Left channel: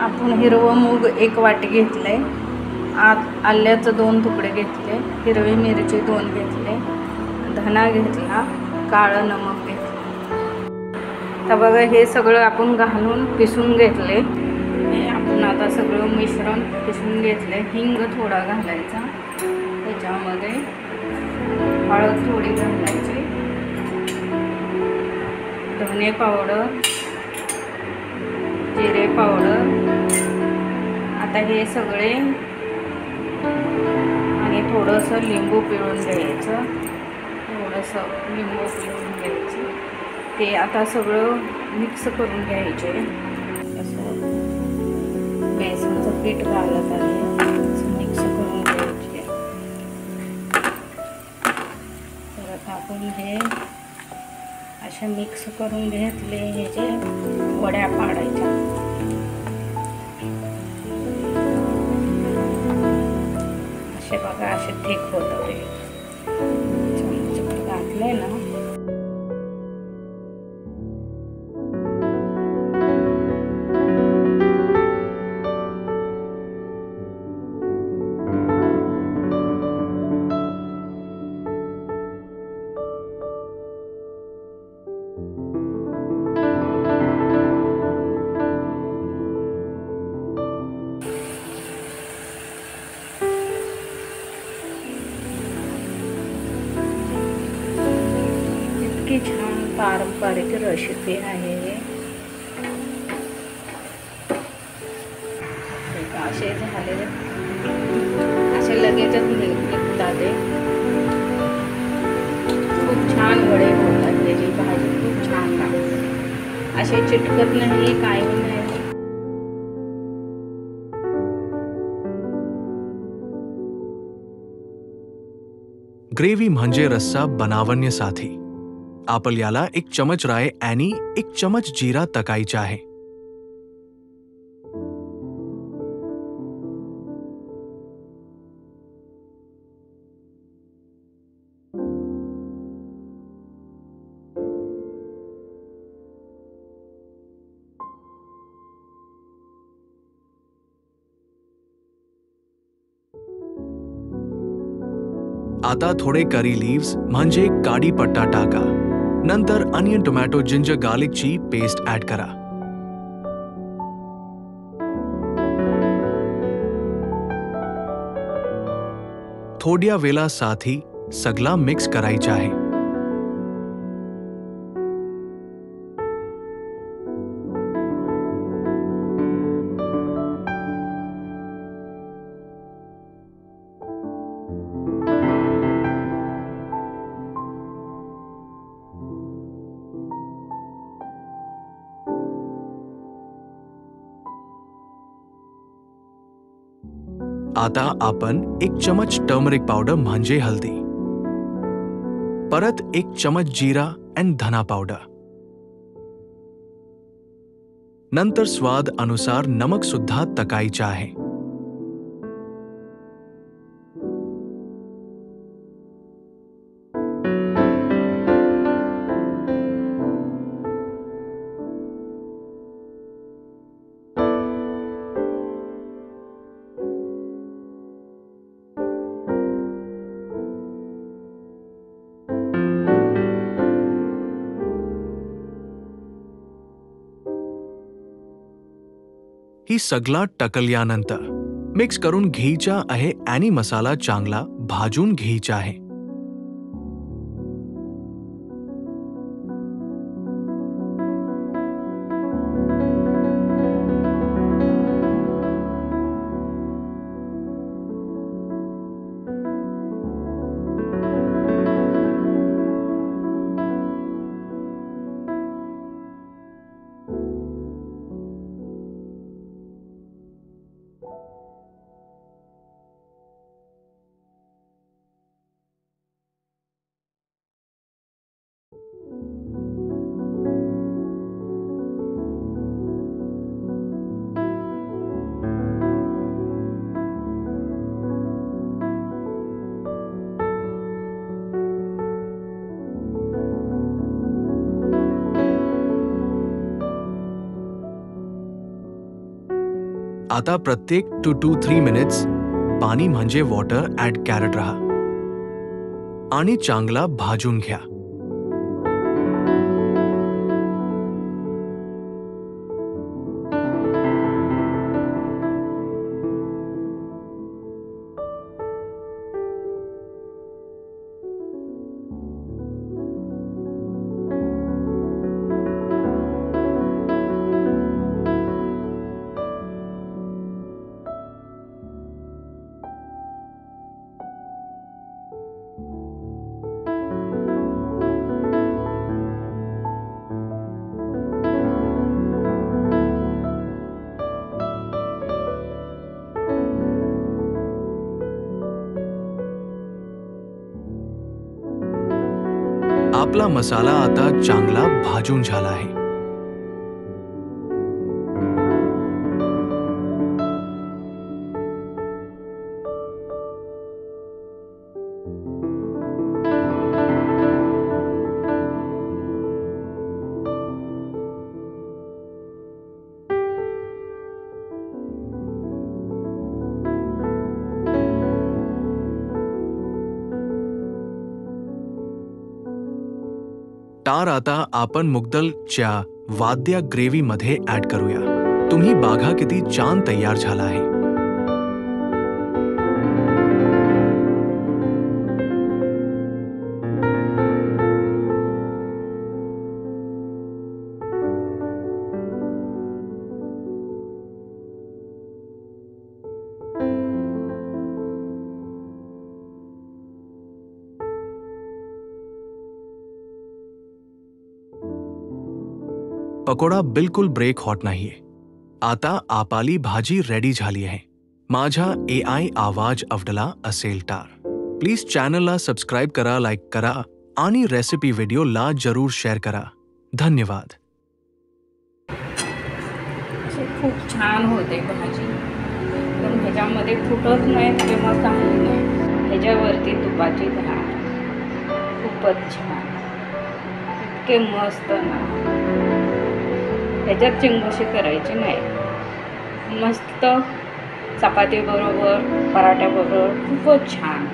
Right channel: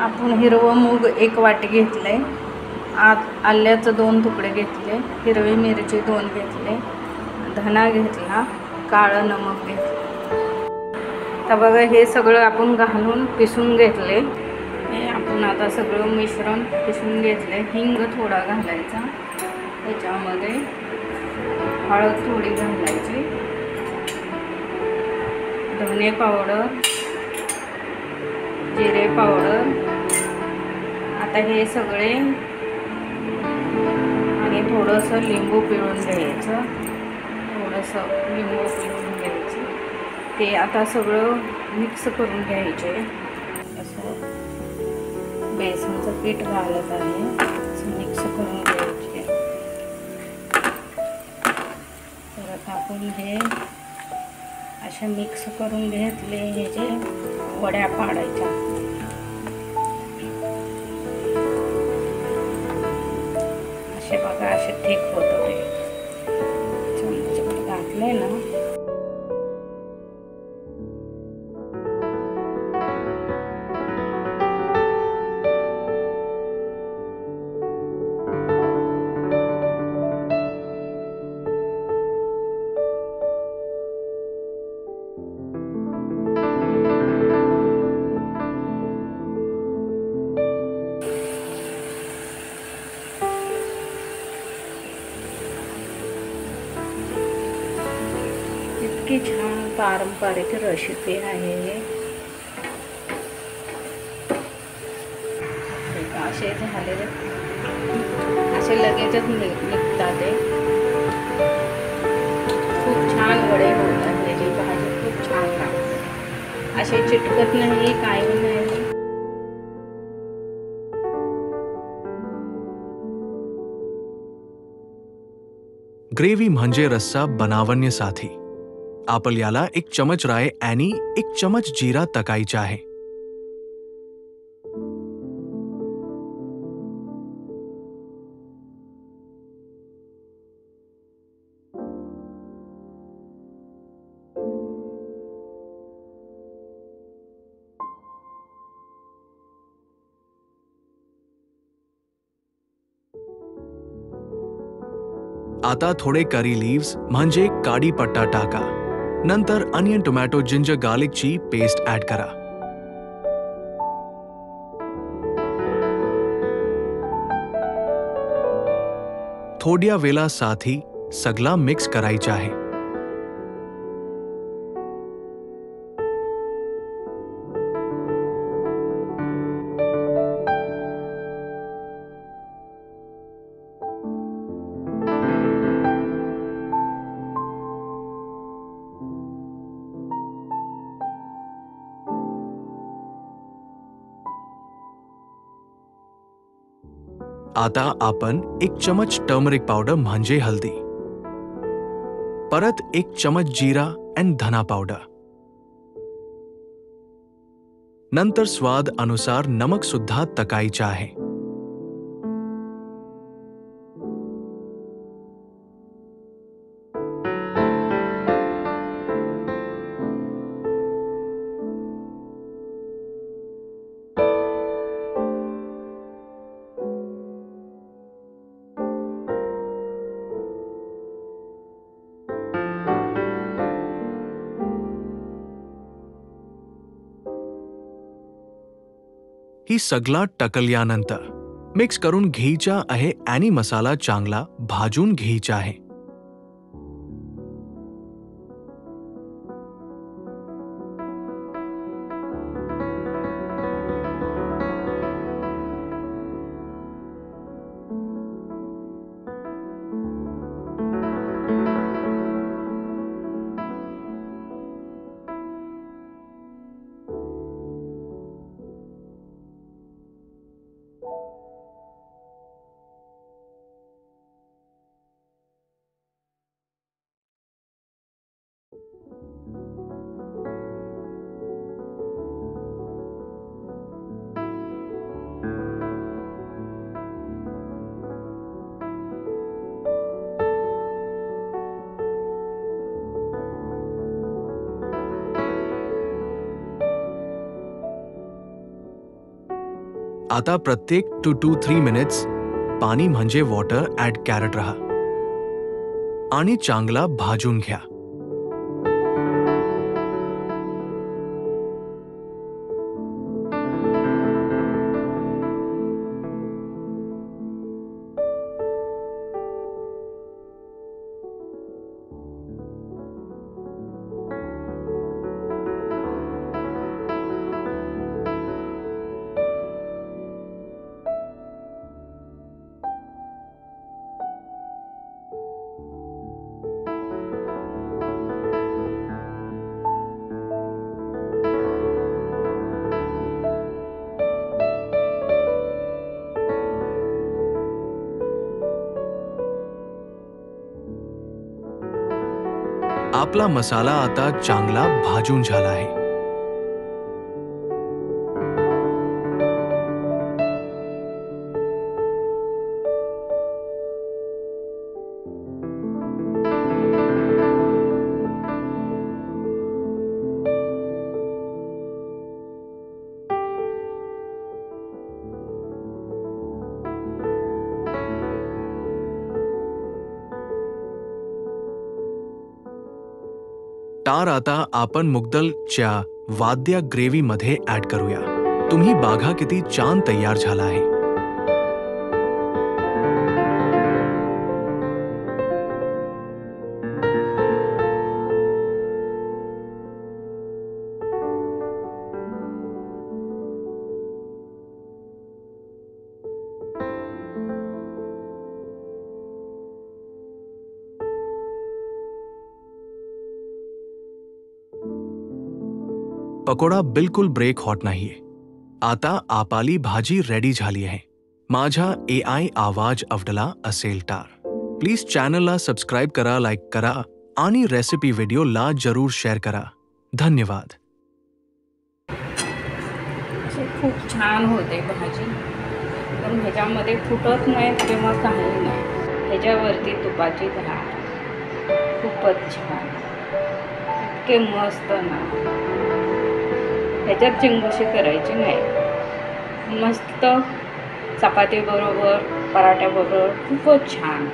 आपण हिरवं मूग 1 वाटी घेतले, आल्याचं 2 तुकडे घेतले, हिरवी मिरची 2 घेतले, धना घेतला, काळं नमक घेतले। तर बघा हे सगळं आपण घालून पिसून घेतले। हे आपण आता सगळं मिश्रण पिसून घेतले। हिंग थोडा घालायचा, त्याच्यामध्ये हळद थोडी घालायची, धने पावडर, जिरे पावडर। आता हे सगळे आणि थोडंसं लिंबू पिळून घ्यायचं, थोडंसं लिंबू पिळून घ्यायचं। ते आता सगळं मिक्स करून घ्यायचे। असं बेसनचं पीठ घालत आहे, असं मिक्स करून घ्यायचे। परत आपण हे असे मिक्स करून घेतले, हे जे वड्या पाडायच्या। असे बघा असे थिक होतं ते, चमच्यावर घातले ना। इतकी छान पारंपरिक रेसिपी आहे हे। असे झालेले, असे लगेचच निघतात ते। खूप छान वडे होतात, त्याची भाजी खूप छान लागते, असे चिटकत नाही, काही नाही। ग्रेव्ही म्हणजे रस्सा बनावण्यासाठी आपल्याला 1 चमच राई आणि 1 चमच जीरा टाकायचा आहे। आता थोडे करी लीव्स म्हणजे काढीपत्ता टाका। नंतर अनियन, टोमॅटो, जिंजर गार्लिकची पेस्ट ऍड करा। थोड्या वेळासाठी सगळा मिक्स करायचा आहे। आता आपण 1 चमच टर्मरिक पावडर म्हणजे हल्दी, परत 1 चमच जीरा आणि धना पावडर, नंतर स्वाद अनुसार नमक सुद्धा टाकायचा आहे। ही सगळा टाकल्यानंतर मिक्स करून घ्यायचा आहे आणि मसाला चांगला भाजून घ्यायचा आहे। आता प्रत्येक 2 to 3 मिनिट्स पाणी म्हणजे वॉटर ऍड करत राहा आणि चांगला भाजून घ्या. आपला मसाला आता चांगला भाजून झाला आहे. तार आता आपण मुगदलच्या वाद्य ग्रेव्ही मध्ये ऍड करूया. तुम्ही बघा किती छान तयार झाला आहे. पकोडा बिलकुल ब्रेक हॉट नाहीये. आता आपली भाजी रेडी झाली आहे. माझा AI आवाज आवडला असेल तर प्लीज चॅनलला सबस्क्राईब करा, लाईक करा आणि रेसिपी व्हिडिओला जरूर शेअर करा. धन्यवाद. अशी खूप छान होते भाजी. पण ह्याच्यामध्ये फुटत नाही किंवा काही नाही. ह्याच्यावरती तुपाची धार खूपच छान, इतके मस्त ना. ह्याच्यात चिंगोशी करायची नाही. मस्त चपाती बरोबर, पराठ्याबरोबर खूपच छान.